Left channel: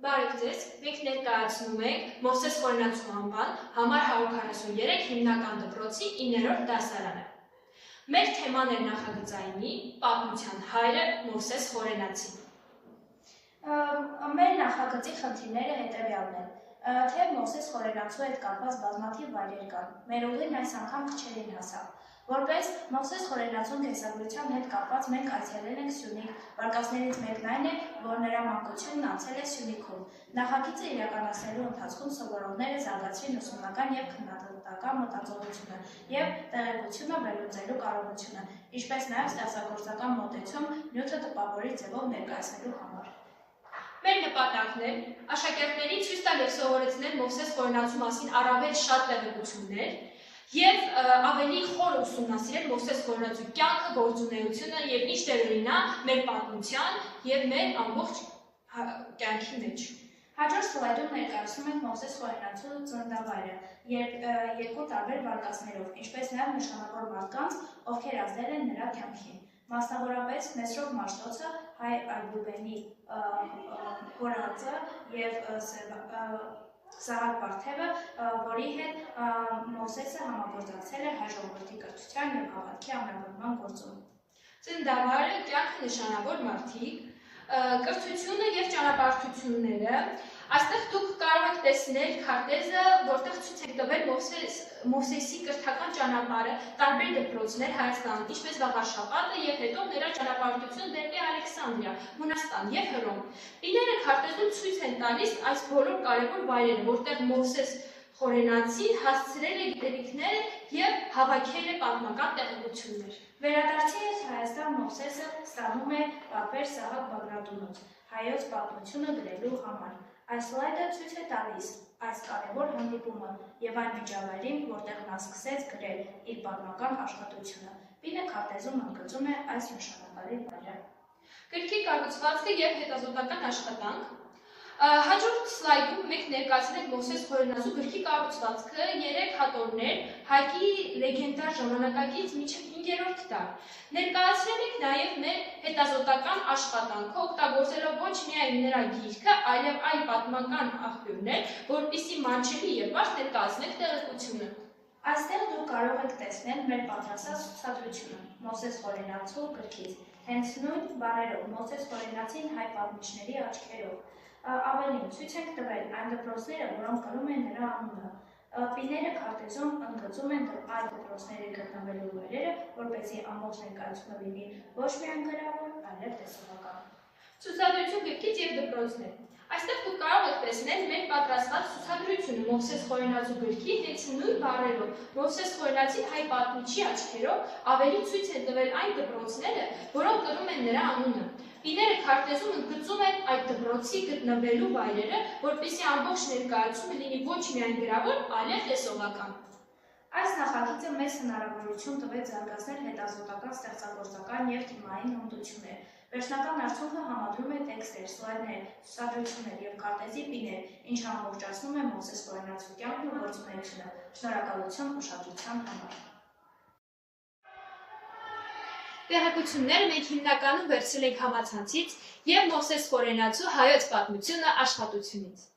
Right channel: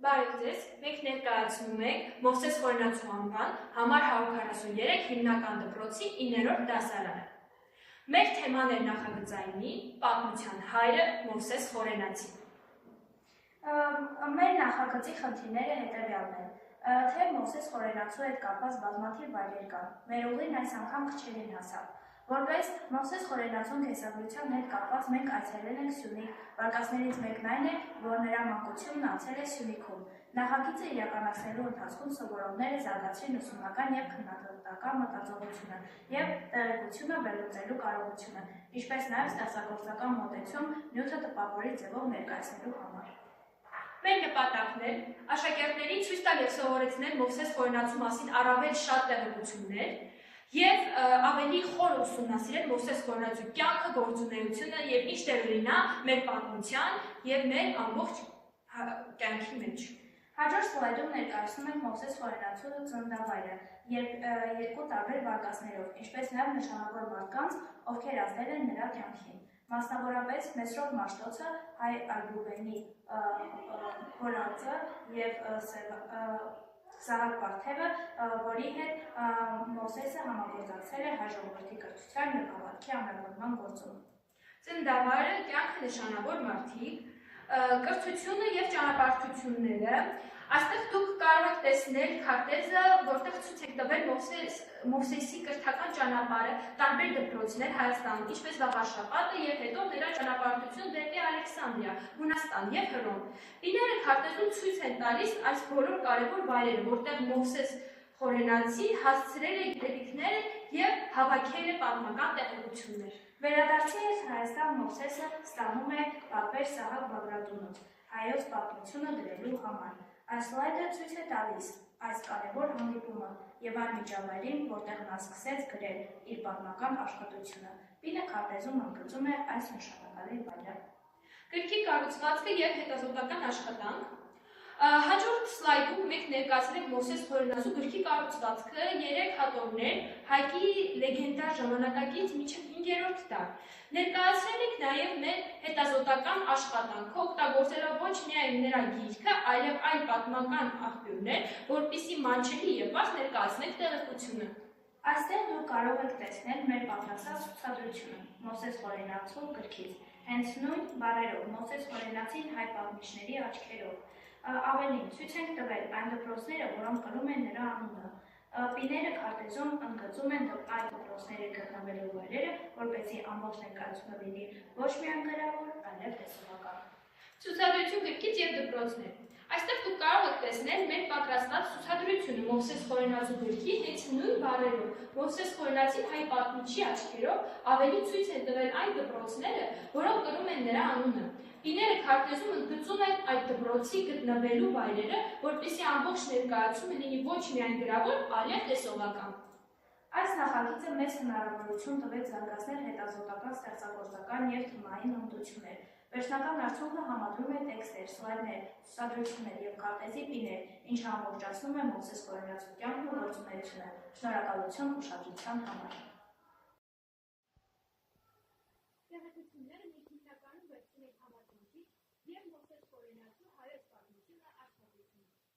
Բարև ձեզ, մենք ներկայացնում ենք Մովսես Խորենացու անվան համար 143 հիմնական դպրոցի 9-րդ դասարանը։ Մեր թեման էր նախագծայինի պատմության հայրը Մովսես Խորենացին։ Մեր նախագծի խնդիրները հետևյալն են, թե Մովսես Խորենացու հետ կապված բազմաթիվ վայրեր կան, մեր ուղին այս անգամ քչերին հասավ։ Որպես Մովսես Խորենացուն կենսագրության հետ կապված մենք այցելել ենք Սյունիք, վարկածներից մեկն այն է, որ նրա մանկությունն անցել է Սյունիքում։ Նախագիծը իրականացնելու ընթացքում սովորողները զարգացրին ուսումնական և քննադատական մտածողությունը և տեղեկությունը վերլուծելու կարողությունը, ինչպես նաև ստեղծագործական մոտեցում նյութը տպավորիչ ձևով ներկայացնելու համար։ Մեր նպատակն է աշակերտներին ցույց տալ և սովորեցնել Մովսես Խորենացու մասին առավել շատ տեղեկություններ և ավելի խոր ուսումնասիրել Մովսես Խորենացու կյանքը, գործունեությունը և ինչ դեր ունենա մեր պատմության և մեր ամբողջ կյանքի մեջ։ Հաջորդ սլայդում ներկայացնում ենք Մովսես Խորենացու ծննդավայրը երկու տարբեր վարկածներով, ինչպես նաև նշանավոր մարդկանց, ովքեր ազդել են նրա կյանքին։ Մասնավորապես Մեսրոպ Մաշտոցը, Հայ Այբուբենի հորածը և Սահակ Վարդևը, որի հետ Մովսեսը համագործակցել է հայ ժողովրդի կրթության և հավատքի ամրապնդման գործում։ Ծննդավայրը, կյանքը նշանավոր մարդիկ, կրթությունը և ճանապարհորդությունները։ Այստեղ դուք կարող եք տեսնել քարտեզը, որտեղ ցույց եք տվել Մովսեսի կրթական ճանապարհը, տարբեր դպրոցներ Հայաստանում, ինչպես Վաղարշապատը և հետո նրա ճանապարհորդություն դեպի Ալեքսանդրիա, Հունաստան և Հռոմ։ Պիները քարտեզում ցույց են տալիս այս բոլոր կարևոր վայրերը, որտեղ Մովսես Խորենացին հասցրել է գիտելիքները և հավաքել է պատմական տեղեկություններ։ Վերադարձի հետ Հայաստան Մովսեսը ստանում է Պապեր Սահակ Բագրատունոց հայոց պատմությունը գրելու համար։ Այս սլայդը ցույց է տալիս այս կարևոր հանդիպումը և այն միջավայրին, որտեղ նա սկսեց գրել իր պատմական աշխատությունը։ Պինը քարտեզում ընդգծում է այս նշանակալի վայրը։ Գրքի կառուցվածքը և հետազոտական աշխատանք։ Հաջորդ սլայդում մենք ներկայացրել ենք Մովսես Խորենացու գրքի կառուցվածքը 3 հատորներ հայքի լեգենդար ժամանակակից մինչև 5-րդ դար։ Ներկայացրել ենք նաև մեր հետազոտական աշխատանքը, օգտագործելով ոչ միայն նրա գիրքը, այլև այլ պատմական աղբյուրներ, որպեսզի մանչելի և բարձ ներկայացնենք տեղեկությունը։ Այստեղ դուք կարող եք տեսնել մեր պատրաստած ցուցադրությունը Մովսես Խորենացու գրքից, հենց նույն բառերով Մովսես Խորենացին հայ պատմիչների աչքերով։ Ավելին, ցույց ենք տվել այն դպրոցները, որոնք կրում են նրա անունը։ Պիները քարտեզում ընդգծում են այդ դպրոցների գտնվելու վայրերը, որպեսզի ամբողջ ներկայությունը լինի ոչ միայն գրավոր, այլև տեսողական։ Ցուցադրություն գրքից և դպրոցներ։ Այստեղ դուք կարող եք տեսնել մեր պատրաստված ցուցադրությունը Մովսես Խորենացու գրքի հենց նույն բառերով, Մովսես Խորենացին հայ պատմիչի աչքերով, ավելի ցույց են տվել այն դպրոցները, որոնք կրում են նրա անունը։ Պիները քարտեզում ընդգծում են այդ դպրոցի գտնվելու վայրերը, որպեսզի ամբողջ ներկայացումը լինի ոչ միայն գրավոր, այլև տեսողական։ Այս նախագիծը մեզ հնարավորություն տվեց զարգացնել հետազոտական, ստեղծագործական և թիմային հմտություններ։ Վերջնական արդյունքը համադրում է տեքստեր, սլայդներ, ցուցադրություններ և քարտեզի պիներ, ինչը ամբողջացնում է Մովսես Խորենացու կյանքն ու գործունեությունը։ Շնորհակալություն ուշադրության համար։ Տեղեկությունները մենք հիմնականում վերցրել ենք համացանցից և Մովսես Խորենացու հայոց պատմությունը աշխատությունից։